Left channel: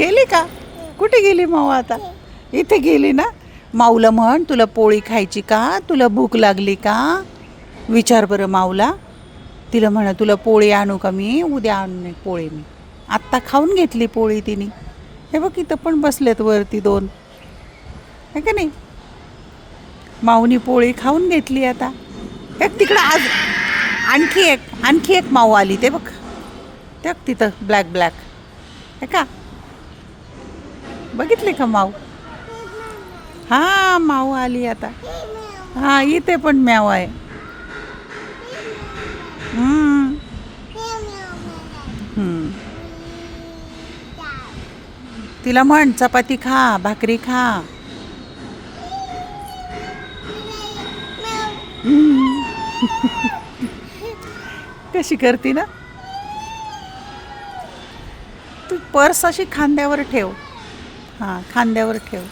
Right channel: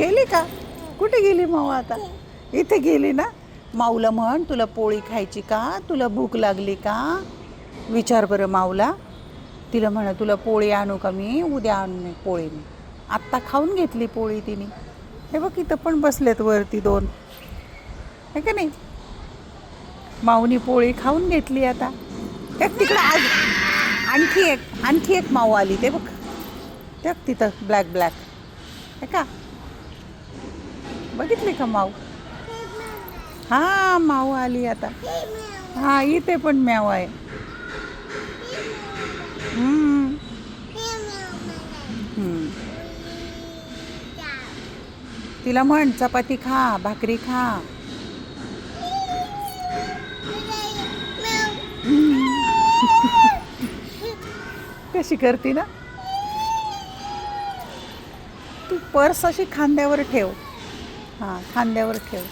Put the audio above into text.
गेली का? कुठे गेली माऊ आता? इथे गेली ना. माऊला म्हण तुला पोळी खायची का, तुला भूक लागली का, विचार बरं माऊला. तिला म्हणा तुला पोळी आणू का मी, उद्या आणू पोळी मी. आत्ता खाऊन घेतली पोळी तिने. हे बघ इथं पण बसलेत वरती दोन, है का नाही. माऊनी पोळी खाऊन घेतली आता. एक तिकडं आज आणखी एक माऊ आली ते बघ. ते बघ तिथं ब्लॅक है का. बघितले का माऊ? हा माऊ आली आता. हा इथे पण म्याव आहे. हम्म. हम्म. तिला म्हण चपाती खा, भाकरी खा. कशी करते ना. तू पर्स अशी खांद्यावर ठेव. हां खांद्यावर ठेव.